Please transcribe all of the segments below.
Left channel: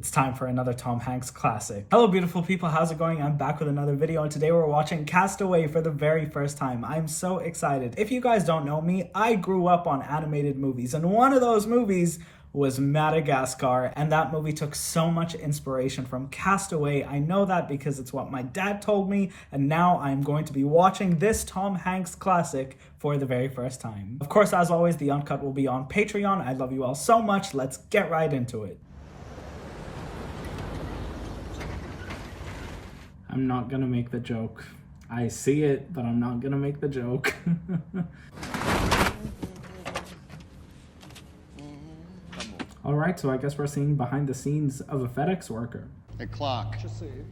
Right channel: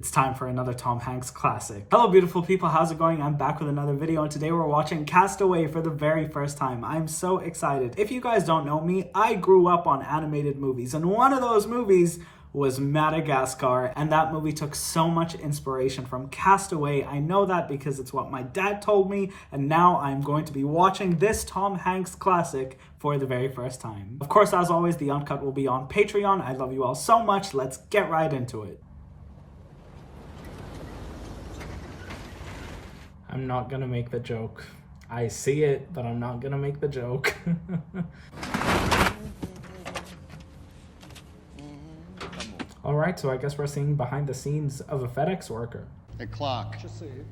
It's time for another Tom Hanks classic. Hello beautiful people, how's it going? I'm back with another video and today we're watching Castaway for the very first time. I'm so excited. If you guys don't know me, I grew up on animated movies and one of those movies was Madagascar, and that movie took so much inspiration from Castaway. I know that because it's what my dad told me, and now I'm going to be watching this Tom Hanks classic for the very first time. Of course, as always, the uncut will be on Patreon. I love you all so much. Let's get right into it. I'm not gonna make the joke. I see it, but I'm not gonna make the joke. Alright, so I guess we're seeing behind the scenes of a FedEx worker. The clock,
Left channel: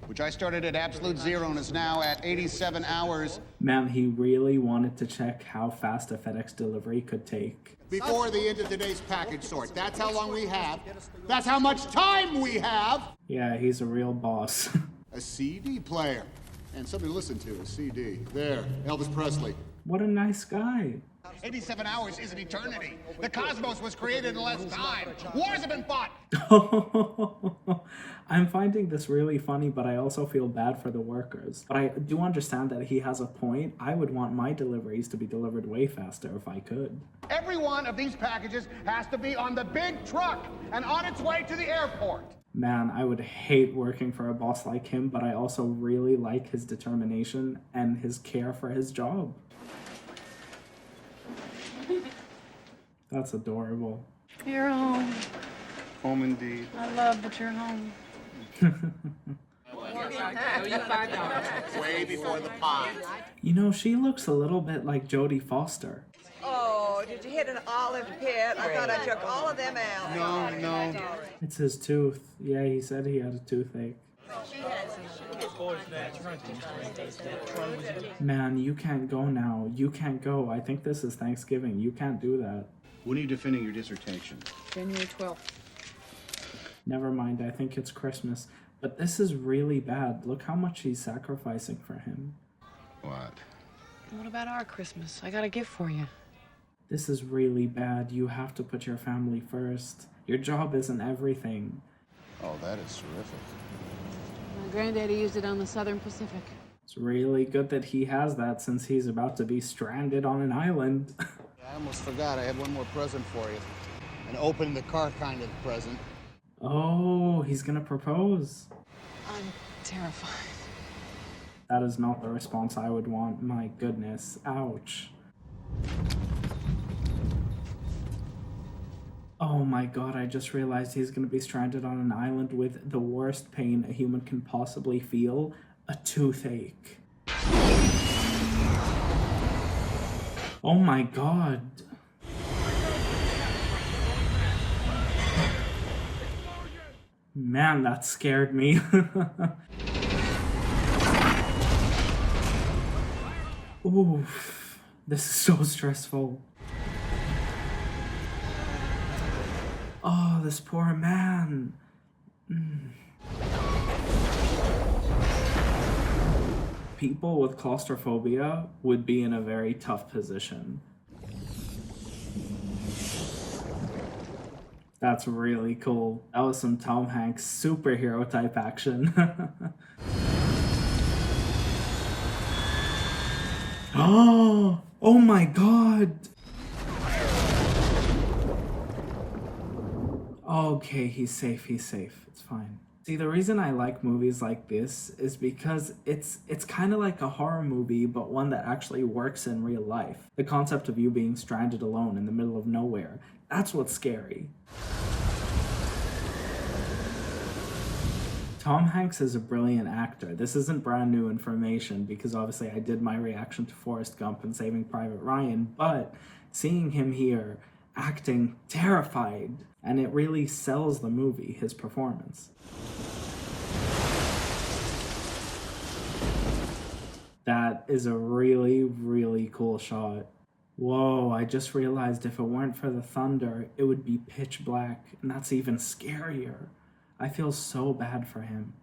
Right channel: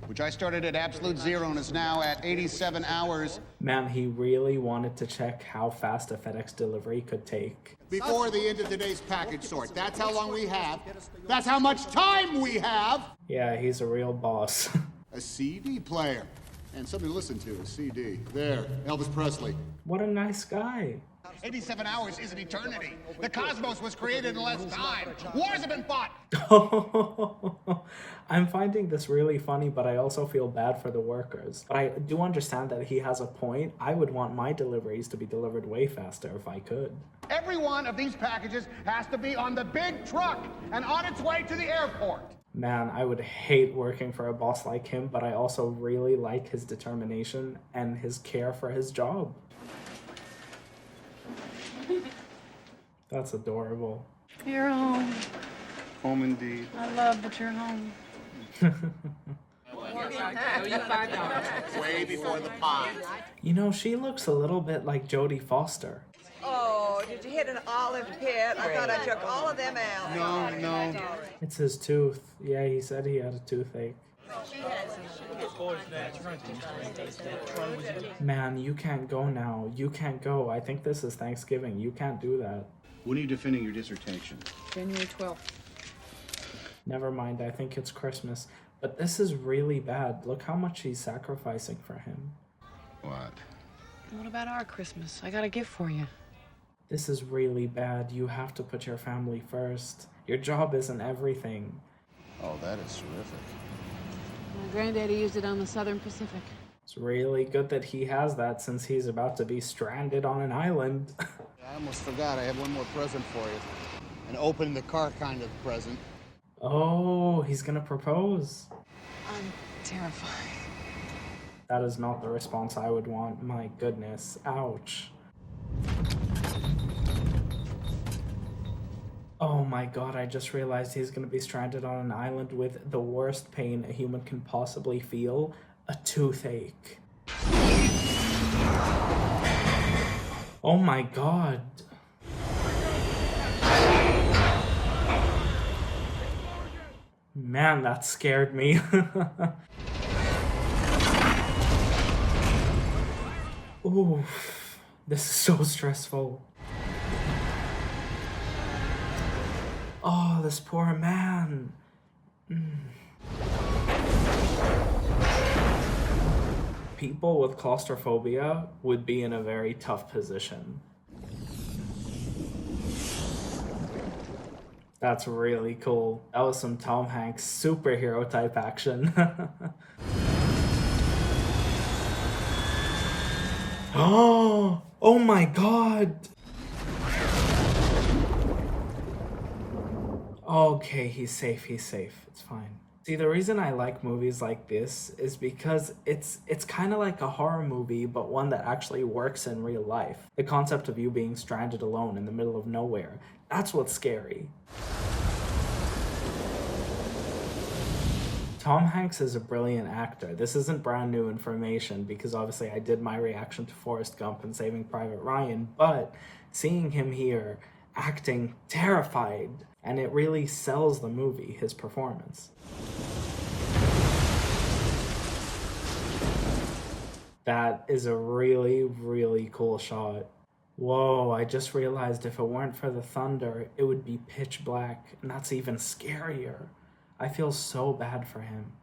which I started at absolute zero and is now at 87 hours. Man, he really wanted to check how fast a FedEx delivery could take. Before the end of today's package sort. That's how long we have. That's how much time we have. Yeah, he's a real boss. A CD player. And something to listen to, a CD. There, Elvis Presley. What a nice guy. 87 hours is an eternity. The cosmos was created in less time. Wars have been fought. I'm finding this really funny, but I also feel bad for the workers. But I do understand that he has a point. I would want my deliveries to be delivered way faster if I could. Every one of these packages has to be on the big truck and on its way to the airport. Man, I would hate working for a boss like him, but I also really like his determination and his care for his job. That's adorable. You're home. Home indeed. I love that you're home. Way before the pie. You know, she looks a little bit like Jodie Foster. Oh, did you hit an olive pit? I thought I took all of them out. No. It's his tooth. Yeah, he said he had a toothache. Man, you can't go now. You can't go. I think this is Thanksgiving. You can't do that. When are you defending your dissertation? January 12th. Never mind, I think it's Christmas. But this is really bad. Look how much he's sacrificing for him. What? What about our Christmas? I got a gift for you. This is really bad. You have to put your family first. Your job isn't everything. Oh, that is terrific. My granddaddy used it on the Southern Pacific. It's really good that he has that since he's about to be stranded on an island. I almost forgot. I have one more present for you. An open the car kind of present. Oh, he's gonna propose. I'm terrified. That is not the response I would want. My goodness. Ouch. Oh my god, I just realized he's gonna be stranded on an island with the worst pain a human can possibly feel, a toothache. Oh my god. Man, that scared me. Oof, this is so stressful. Oh, this poor man. People with claustrophobia would be in a very tough position. That's really cool. That was some Tom Hanks superhero type action. Oh my god. Okay, he's safe, it's fine. See, the reason I like movies like this is because it's kind of like a horror movie, but one that actually works in real life. The concept of you being stranded alone in the middle of nowhere, that's what's scary. Tom Hanks is a brilliant actor. This isn't brand new information because obviously I did my reaction to Forrest Gump and Saving Private Ryan, but seeing him here acting terrified, and it really sells the movie, his performance. That is a really, really cool shot. Whoa, I just realized if it weren't for the thunder, it would be pitch black, and that's even scarier. I feel so bad for him.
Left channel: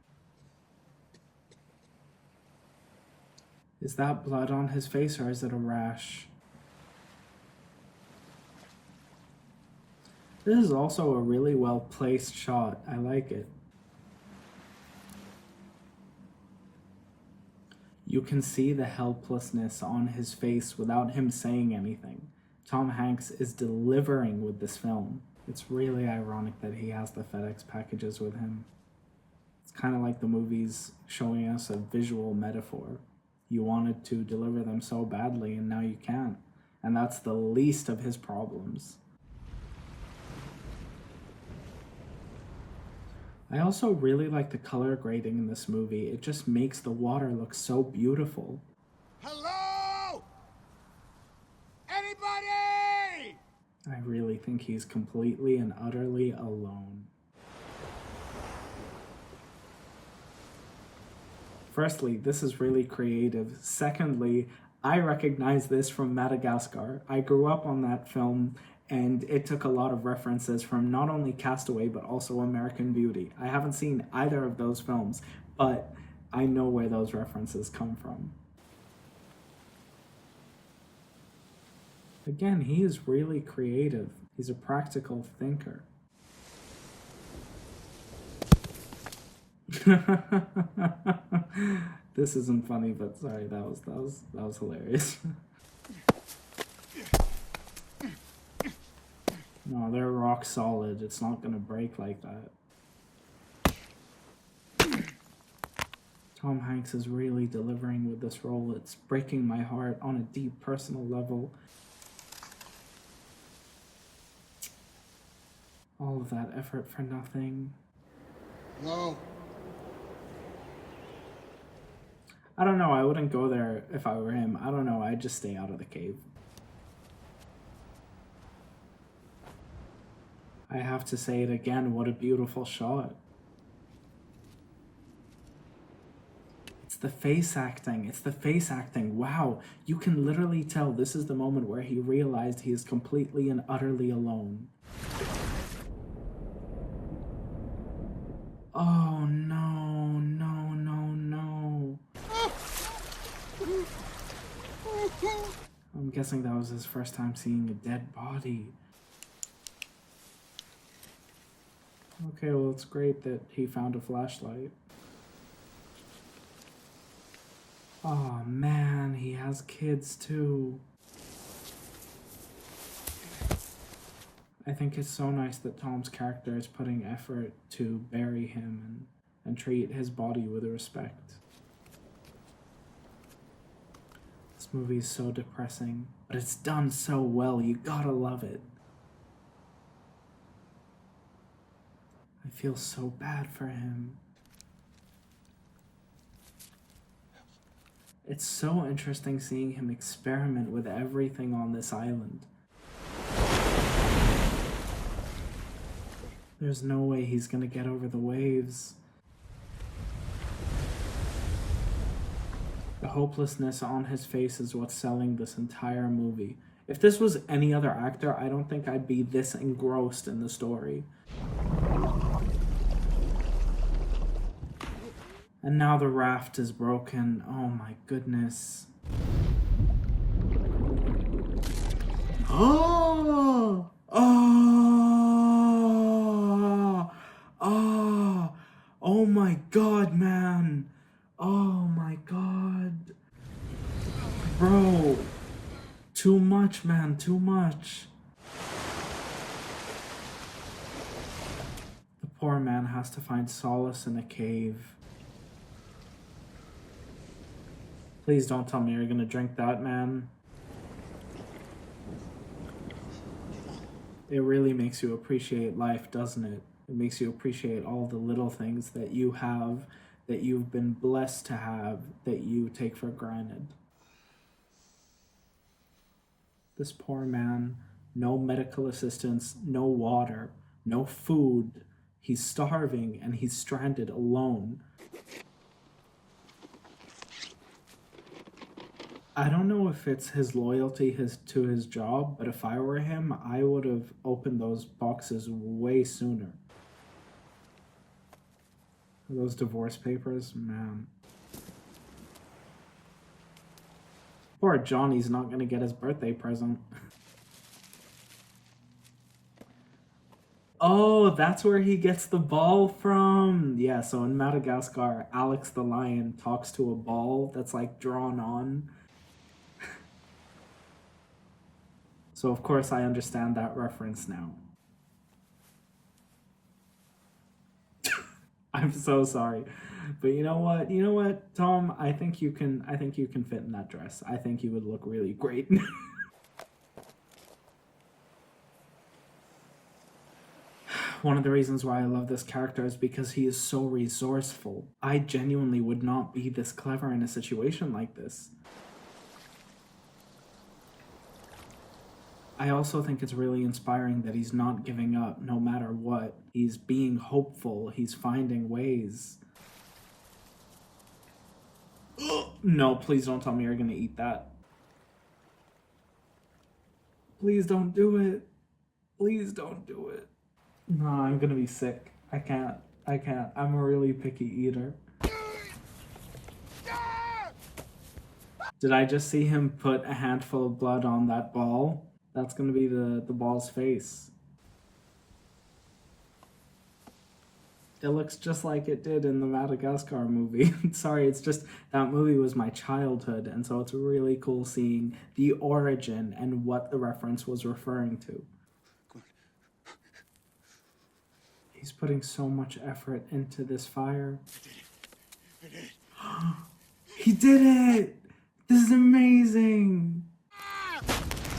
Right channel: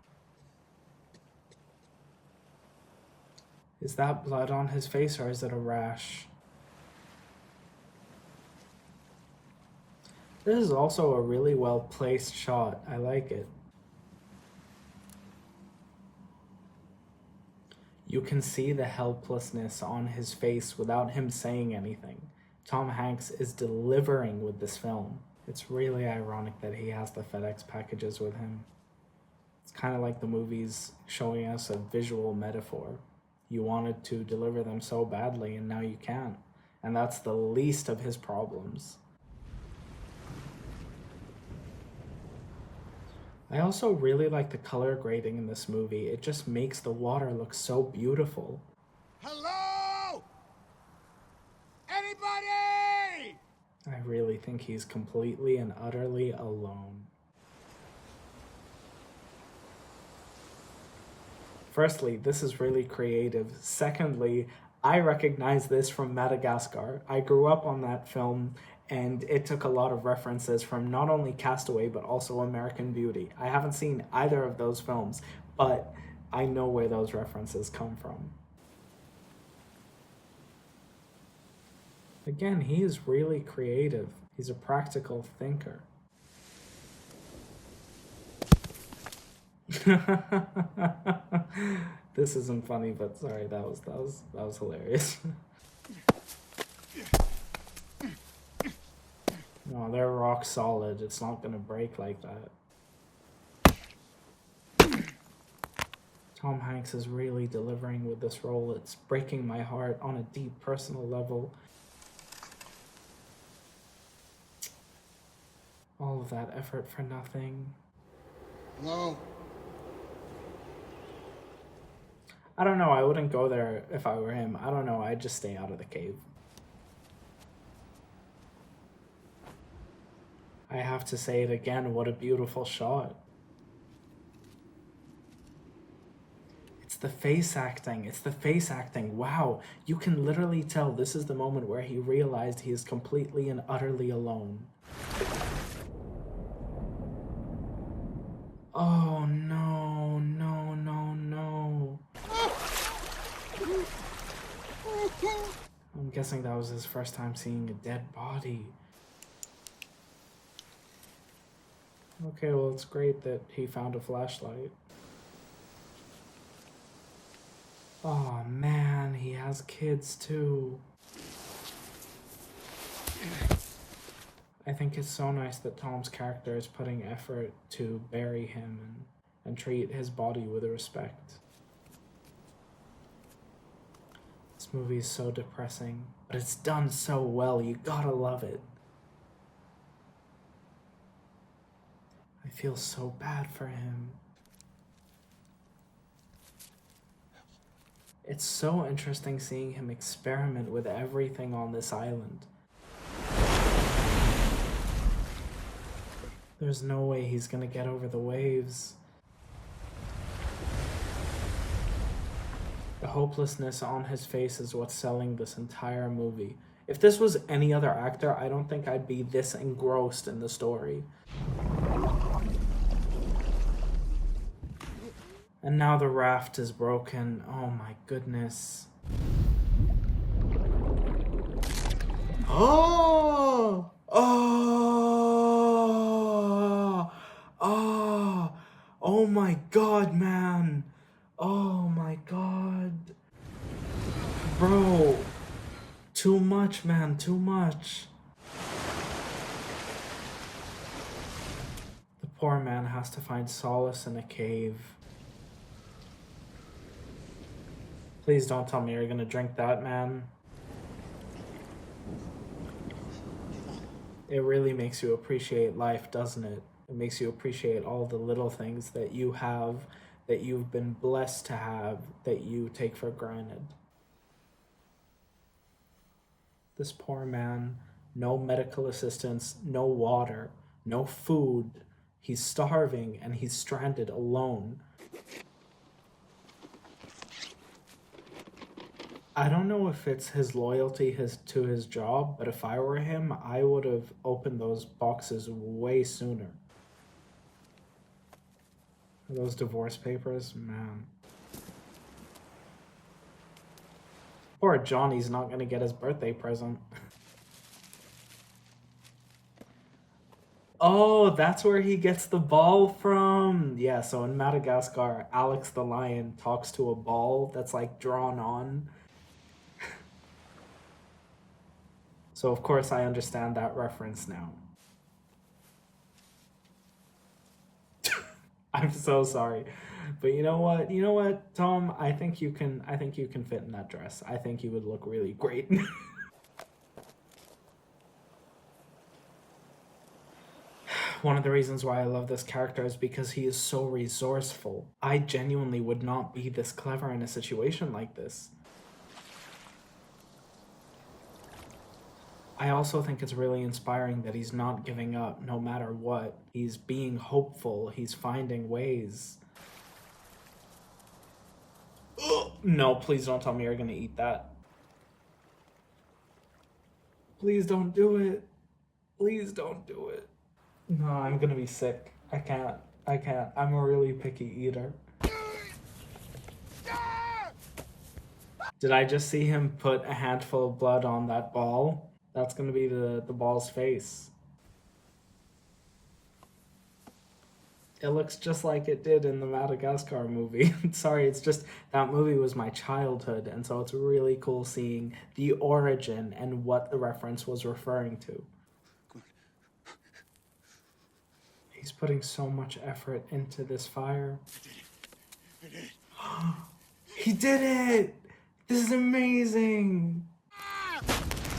Is that blood on his face or is it a rash? This is also a really well placed shot. I like it. You can see the helplessness on his face without him saying anything. Tom Hanks is delivering with this film. It's really ironic that he has the FedEx packages with him. It's kind of like the movies showing us a visual metaphor. You wanted to deliver them so badly and now you can't. And that's the least of his problems. I also really like the color grading in this movie. It just makes the water look so beautiful. Hello? Anybody? I really think he's completely and utterly alone. Firstly, this is really creative. Secondly, I recognize this from Madagascar. I grew up on that film, and it took a lot of references from not only Castaway, but also American Beauty. I haven't seen either of those films, but I know where those references come from. Again, he is really creative. He's a practical thinker. This isn't funny, but sorry, that was hilarious. No, they're rock solid. It's not gonna break like that. Tom Hanks is really delivering with this role. It's breaking my heart on a deep personal level. All of that effort for nothing. Hello? I don't know, I wouldn't go there if I were him. I don't know, I'd just stay out of the cave. I have to say it again, what a beautiful shot. It's the face acting, Wow, you can literally tell this is the moment where he realized he is completely and utterly alone. Oh no, no, no, no. I'm guessing that was his first time seeing a dead body. Okay, well, it's great that he found a flashlight. Oh man, he has kids too. I think it's so nice that Tom's character is putting effort to bury him and treat his body with respect. This movie is so depressing, but it's done so well, you gotta love it. I feel so bad for him. It's so interesting seeing him experiment with everything on this island. There's no way he's gonna get over the waves. The hopelessness on his face is what's selling this entire movie. If this was any other actor, I don't think I'd be this engrossed in the story. And now the raft is broken. Oh my goodness. Oh! Oh! Oh! Oh my god, man. Oh my god. Bro. Too much, man. Too much. The poor man has to find solace in a cave. Please don't tell me you're gonna drink that, man. It really makes you appreciate life, doesn't it? It makes you appreciate all the little things that you have, that you've been blessed to have, that you take for granted. This poor man, no medical assistance, no water, no food. He's starving and he's stranded alone. I don't know if it's his loyalty to his job, but if I were him, I would have opened those boxes way sooner. Those divorce papers, man. Poor Johnny's not gonna get his birthday present. Oh, that's where he gets the ball from. Yeah, Yeah, so in Madagascar, Alex the lion talks to a ball that's like drawn on. So of course I understand that reference now. I'm so sorry. But you know what? You know what, Tom? I think you can fit in that dress. I think you would look really great. One of the reasons why I love this character is because he is so resourceful. I genuinely would not be this clever in a situation like this. I also think it's really inspiring that he's not giving up no matter what. He's being hopeful. He's finding ways. Ugh, no, please don't tell me you're gonna eat that. Please don't do it. Please don't do it. No, I'm gonna be sick. I can't. I'm a really picky eater. Did I just see him put a handful of blood on that ball? That's gonna be the ball's face. It looks just like it did in the Madagascar movie. Sorry, it's just that movie was my childhood, and so it's really cool seeing the origin and what the reference was referring to. Good. He's putting so much effort into this fire. I did it. He did it! This is amazing!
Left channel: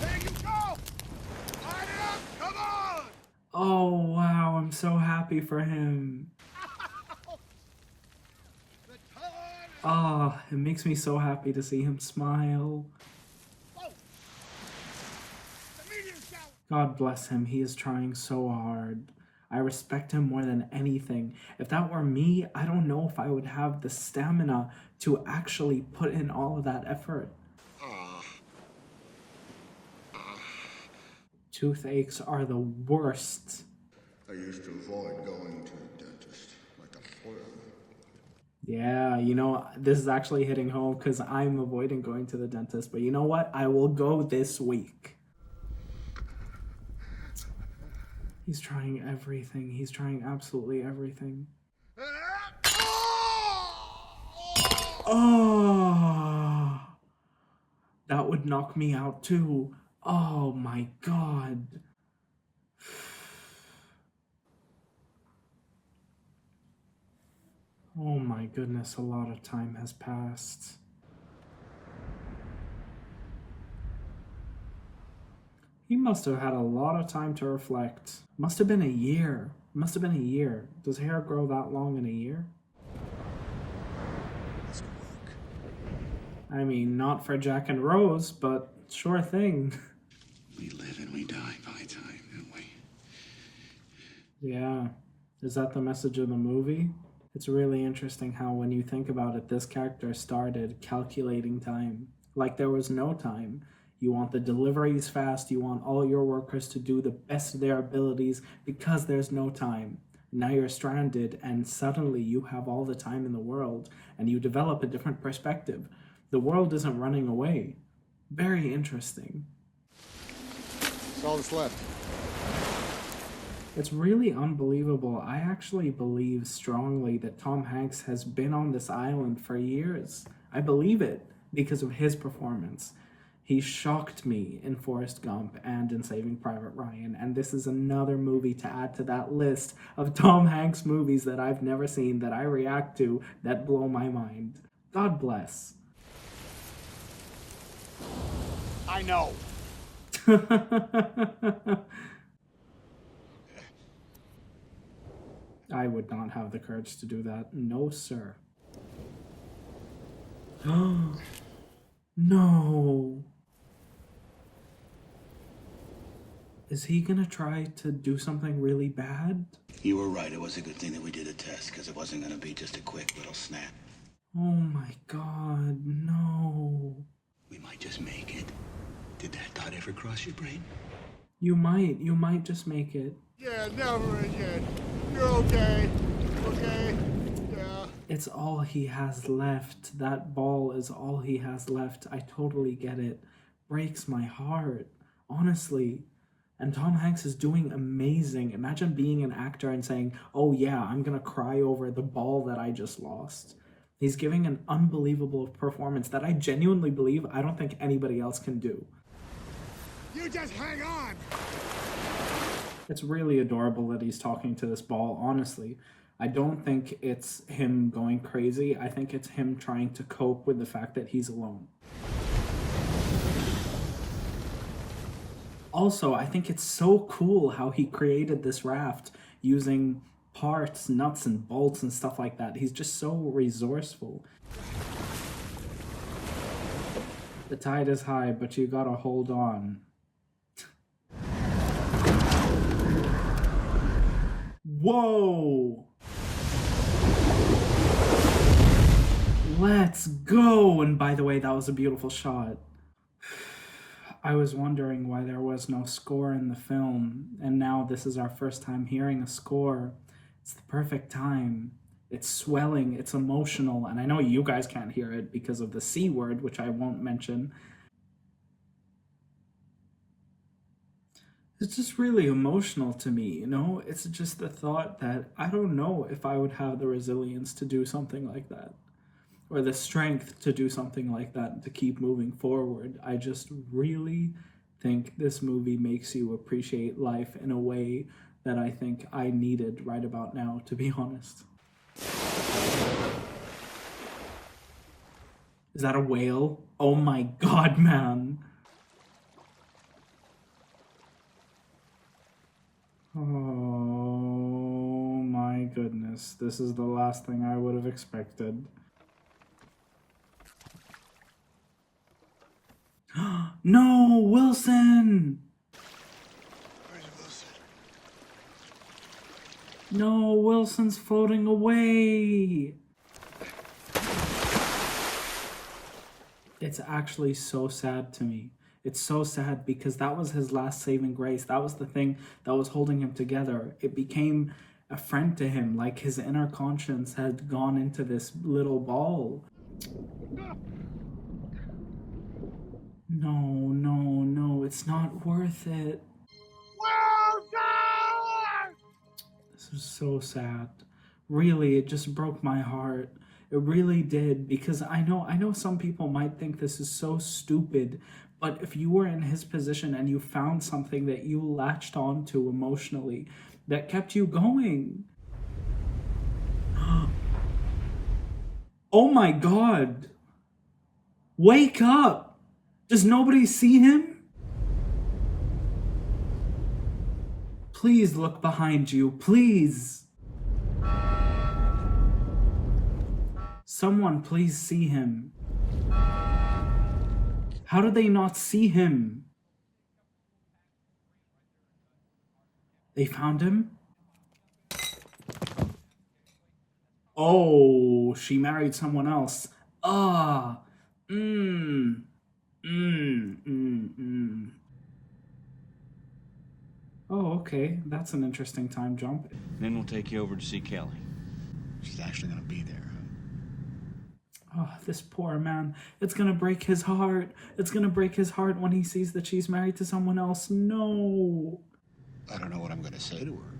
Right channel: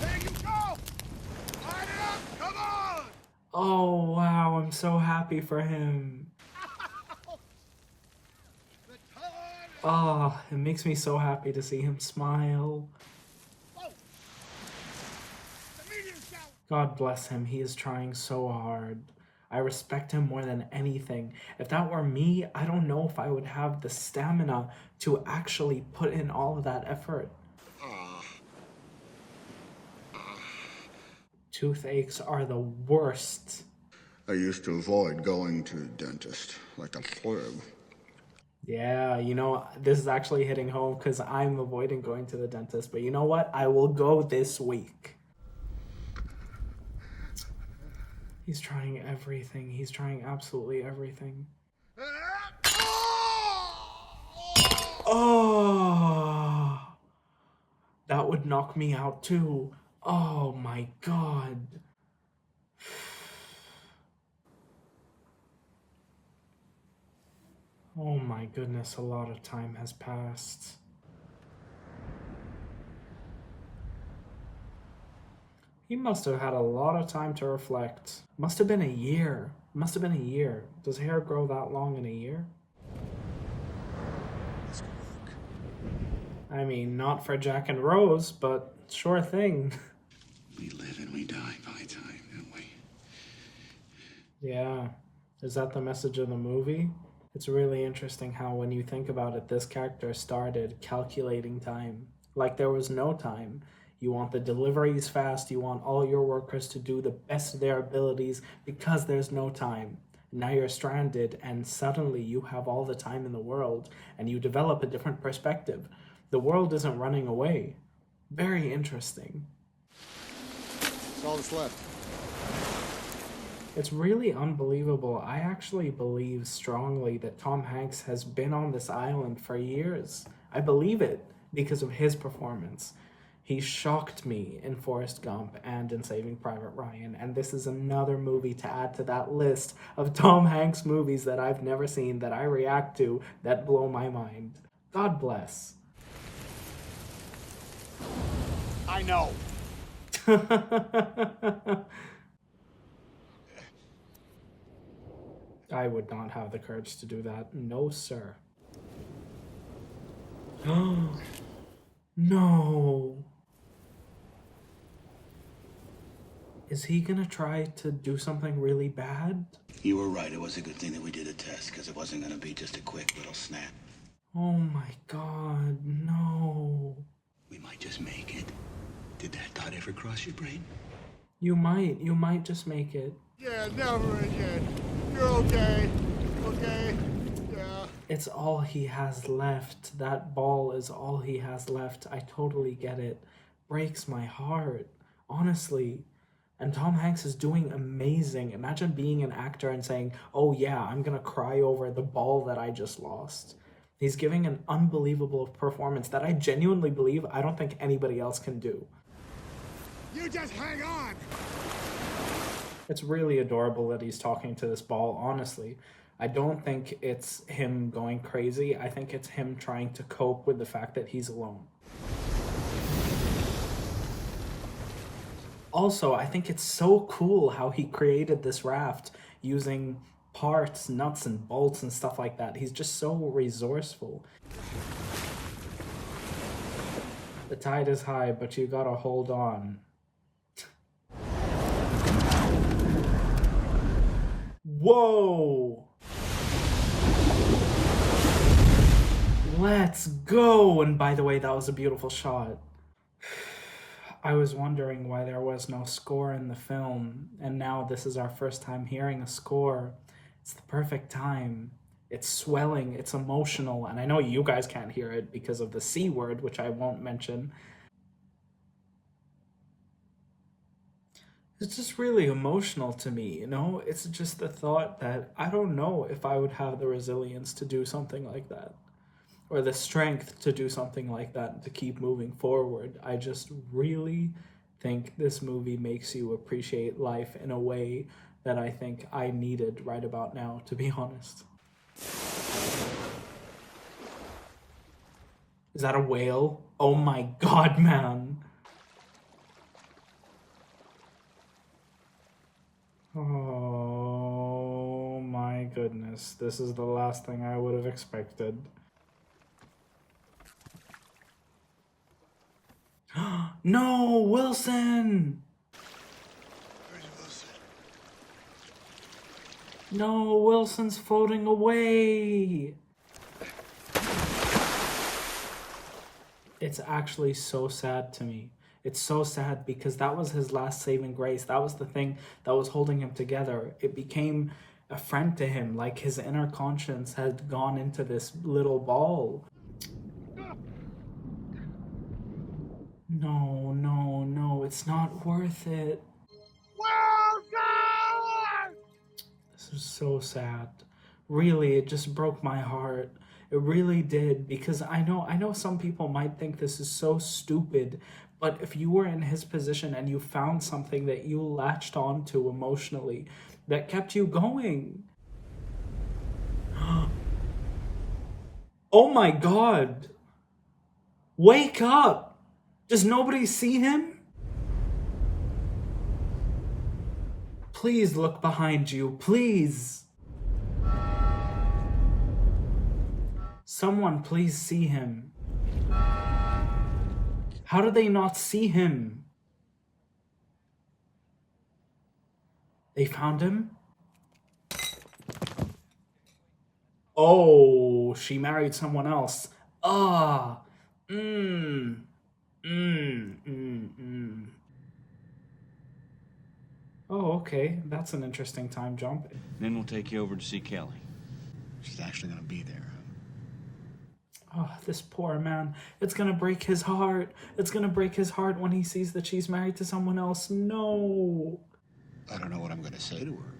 There you go! Line it up! Come on! Oh wow, I'm so happy for him. Oh, it makes me so happy to see him smile. God bless him, he is trying so hard. I respect him more than anything. If that were me, I don't know if I would have the stamina to actually put in all of that effort. Toothaches are the worst. I used to avoid going to the dentist like a pleb. Yeah, you know, this is actually hitting home because I'm avoiding going to the dentist. But you know what? I will go this week. He's trying everything. He's trying absolutely everything. Oh, that would knock me out too. Oh my God. Oh my goodness, a lot of time has passed. He must have had a lot of time to reflect. Must have been a year. Must have been a year. Does hair grow that long in a year? This could work. I mean, not for Jack and Rose, but sure thing. We live and we die by time, don't we? Yeah. Is that the message of the movie? It's really interesting how when you think about it, this character started calculating time. Like there was no time. You want the deliveries fast, you want all your workers to do the best of their abilities because there's no time. Now you're stranded and suddenly you have all the time in the world and you develop a different perspective. The world isn't running away. Very interesting. That's all that's left. It's really unbelievable. I actually believe strongly that Tom Hanks has been on this island for years. I believe it because of his performance. He shocked me in Forrest Gump and in Saving Private Ryan, and this is another movie to add to that list of Tom Hanks movies that I've never seen that I react to that blow my mind. God bless. I know. I would not have the courage to do that. No, sir. No. Is he gonna try to do something really bad? You were right. It was a good thing that we did a test, because it wasn't going to be just a quick little snap. Oh my God, no. We might just make it. Did that thought ever cross your brain? You might just make it. Yeah, never again. You're okay. Okay. Yeah. It's all he has left. That ball is all he has left. I totally get it. Breaks my heart. Honestly, And Tom Hanks is doing amazing. Imagine being an actor and saying, oh yeah, I'm gonna cry over the ball that I just lost. He's giving an unbelievable performance that I genuinely believe I don't think anybody else can do. You just hang on! It's really adorable that he's talking to this ball, honestly. I don't think it's him going crazy. I think it's him trying to cope with the fact that he's alone. Also, I think it's so cool how he created this raft using parts, nuts and bolts and stuff like that. He's just so resourceful. The tide is high, but you gotta hold on. Whoa! Let's go! And by the way, that was a beautiful shot. I was wondering why there was no score in the film, and now this is our first time hearing a score. It's the perfect time. It's swelling, it's emotional, and I know you guys can't hear it because of the C word, which I won't mention. It's just really emotional to me, you know? It's just the thought that I don't know if I would have the resilience to do something like that, or the strength to do something like that and to keep moving forward. I just really think this movie makes you appreciate life in a way that I think I needed right about now, to be honest. Is that a whale? Oh my god, man. Oh my goodness. This is the last thing I would have expected. No, Wilson! Where's Wilson? No, Wilson's floating away! It's actually so sad to me. It's so sad because that was his last saving grace. That was the thing that was holding him together. It became a friend to him, like his inner conscience had gone into this little ball. No, no, no, it's not worth it. This is so sad. Really, it just broke my heart. It really did, because I know some people might think this is so stupid, but if you were in his position and you found something that you latched onto emotionally that kept you going. Oh my god. Wake up. Does nobody see him? Please look behind you, please. Someone please see him. How did they not see him? They found him? Oh, she married someone else. Ah. Oh, okay. That's an interesting time jump. Then we'll take you over to see Kelly. She's actually gonna be there, huh? Oh, this poor man. It's gonna break his heart. It's gonna break his heart when he sees that she's married to someone else. No. I don't know what I'm gonna say to her.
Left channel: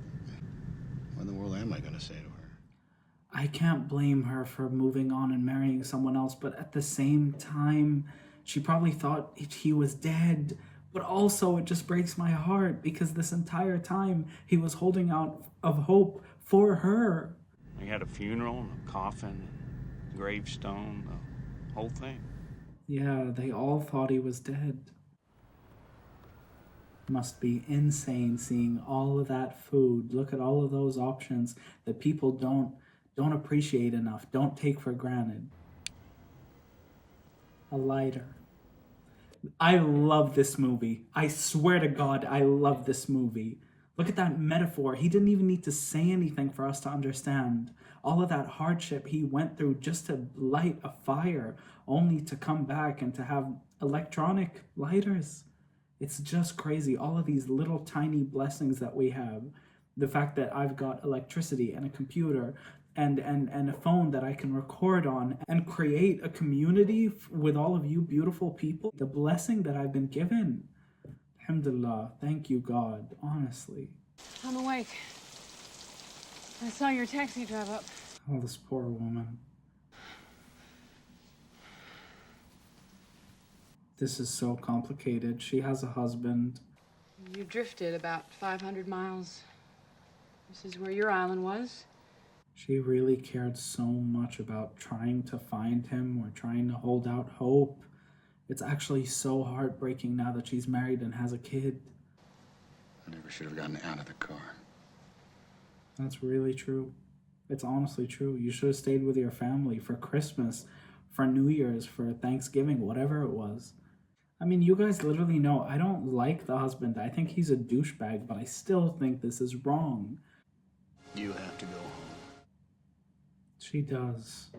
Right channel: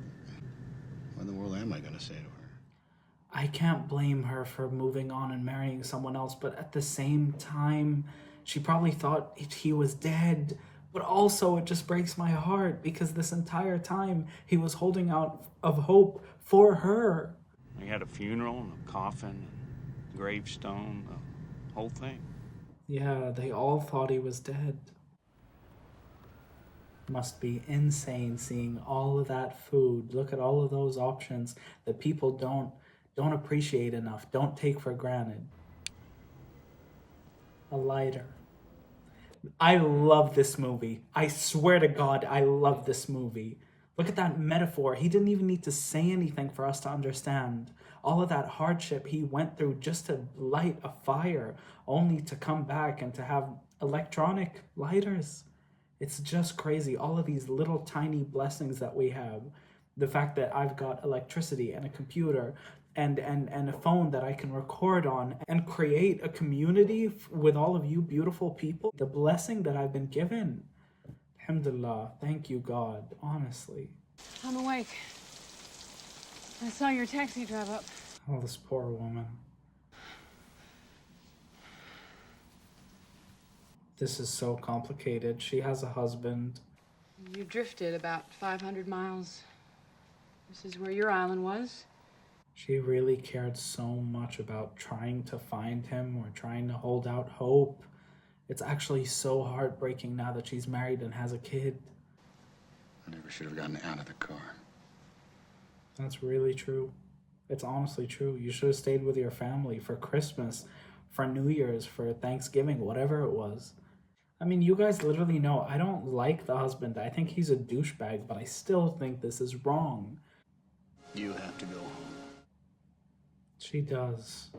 What in the world am I gonna say to her? I can't blame her for moving on and marrying someone else, but at the same time, she probably thought he was dead. But also, it just breaks my heart because this entire time, he was holding out of hope for her. We had a funeral and a coffin, and gravestone, the whole thing. Yeah, they all thought he was dead. Must be insane seeing all of that food. Look at all of those options that people don't appreciate enough, don't take for granted. A lighter. I love this movie. I swear to God, I love this movie. Look at that metaphor. He didn't even need to say anything for us to understand. All of that hardship he went through just to light a fire, only to come back and to have electronic lighters. It's just crazy. All of these little tiny blessings that we have. The fact that I've got electricity and a computer and a phone that I can record on and create a community with all of you beautiful people. The blessing that I've been given. Alhamdulillah. Thank you, God. Honestly. I'm awake. I saw your taxi drive up. Oh, this poor woman. This is so complicated. She has a husband. You drifted about 500 miles. This is where your island was. She really cared so much about trying to find him or trying to hold out hope. It's actually so heartbreaking now that she's married and has a kid. I never should have gotten out of the car. That's really true. It's honestly true. You should have stayed with your family for Christmas, for New Year's, for Thanksgiving, whatever it was. I mean, you guys literally know I don't like the husband. I think he's a douchebag, but I still think this is wrong. You have to go home. She does.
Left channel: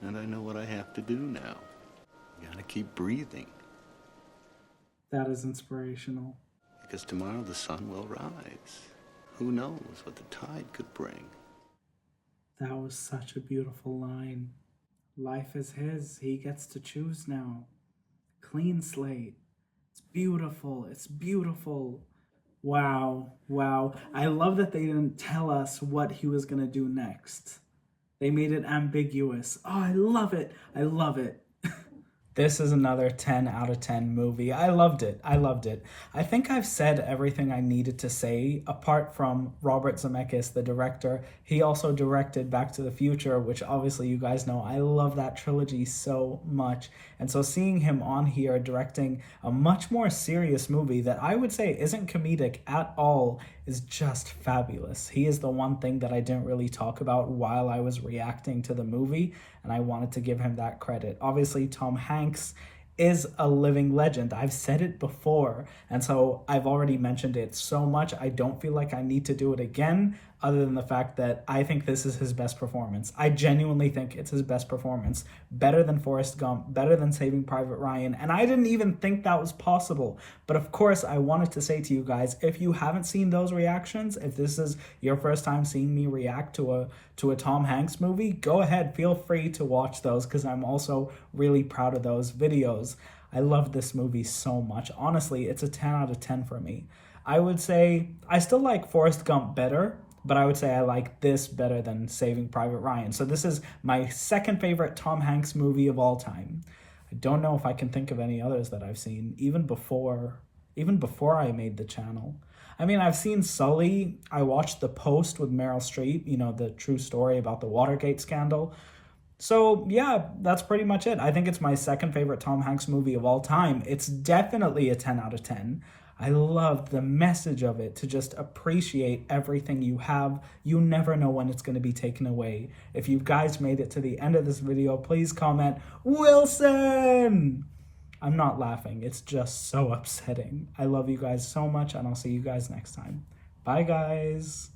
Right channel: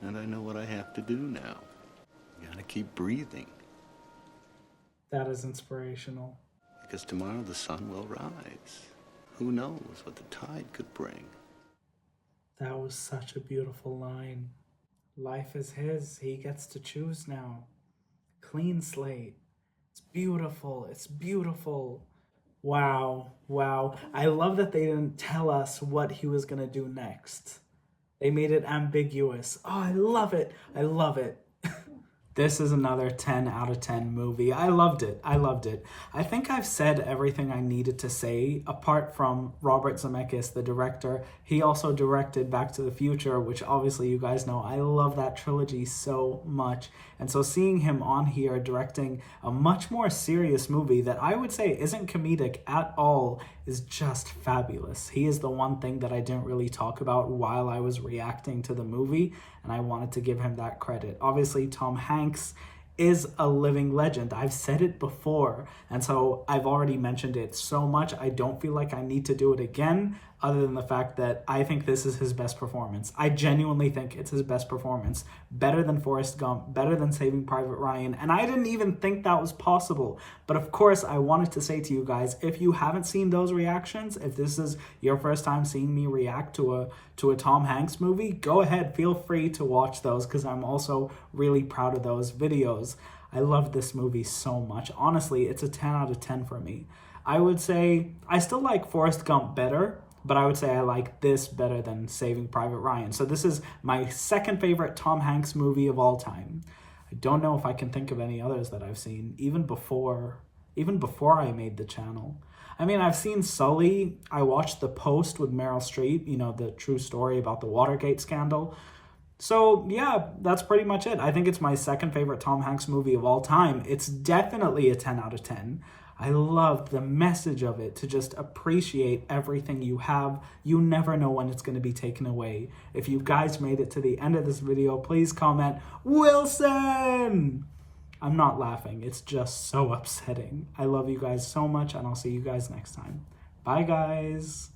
And I know what I have to do now. Gotta keep breathing. That is inspirational. Because tomorrow the sun will rise. Who knows what the tide could bring? That was such a beautiful line. Life is his. He gets to choose now. Clean slate. It's beautiful. It's beautiful. Wow. Wow. I love that they didn't tell us what he was going to do next. They made it ambiguous. Oh, I love it. I love it. This is another 10 out of 10 movie. I loved it. I loved it. I think I've said everything I needed to say, apart from Robert Zemeckis, the director. He also directed Back to the Future, which obviously you guys know. I love that trilogy so much. And so seeing him on here directing a much more serious movie that I would say isn't comedic at all is just fabulous. He is the one thing that I didn't really talk about while I was reacting to the movie, and I wanted to give him that credit. Obviously, Tom Hanks is a living legend. I've said it before, and so I've already mentioned it so much, I don't feel like I need to do it again, other than the fact that I think this is his best performance. I genuinely think it's his best performance. Better than Forrest Gump, better than Saving Private Ryan, and I didn't even think that was possible. But of course, I wanted to say to you guys, if you haven't seen those reactions, if this is your first time seeing me react to a Tom Hanks movie, go ahead, feel free to watch those, because I'm also really proud of those videos. I love this movie so much. Honestly, it's a 10 out of 10 for me. I would say I still like Forrest Gump better, but I would say I like this better than Saving Private Ryan. So this is my second favorite Tom Hanks movie of all time. I don't know if I can think of any others that I've seen, even before I made the channel. I mean, I've seen Sully. I watched The Post with Meryl Streep, you know, the true story about the Watergate scandal. So yeah, that's pretty much it. I think it's my second favorite Tom Hanks movie of all time. It's definitely a 10 out of 10. I loved the message of it, to just appreciate everything you have. You never know when it's going to be taken away. If you guys made it to the end of this video, please comment, Wilson! I'm not laughing. It's just so upsetting. I love you guys so much, and I'll see you guys next time. Bye, guys.